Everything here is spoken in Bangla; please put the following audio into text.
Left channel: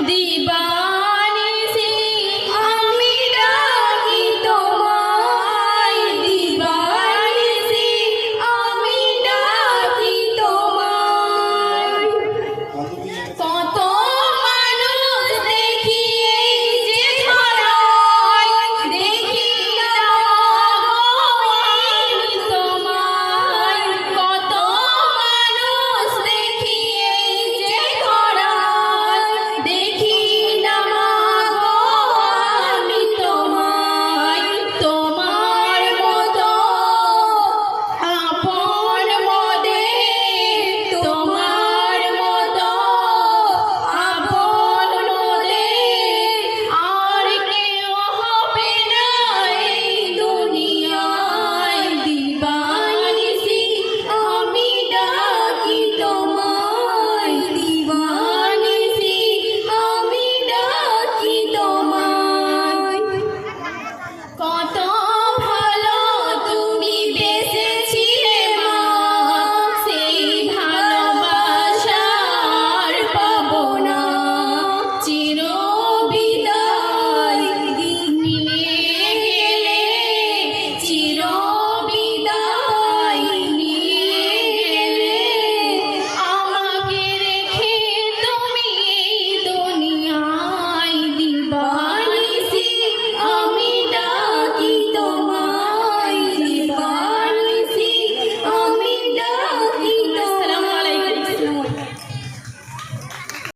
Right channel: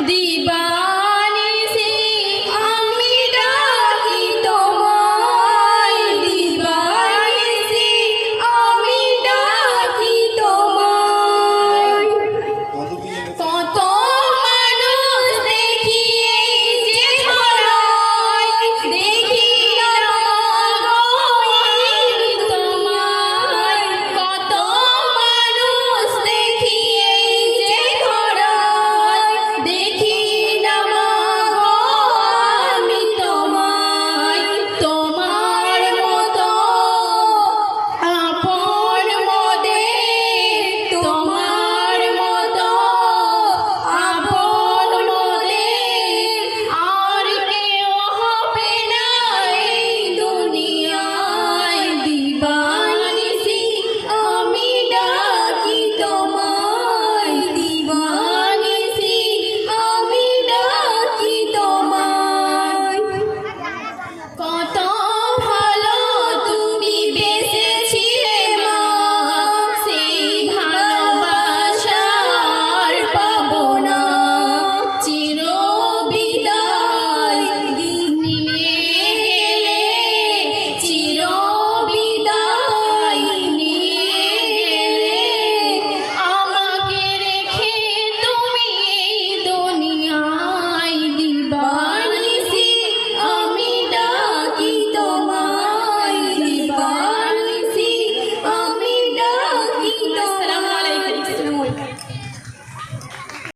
দিবা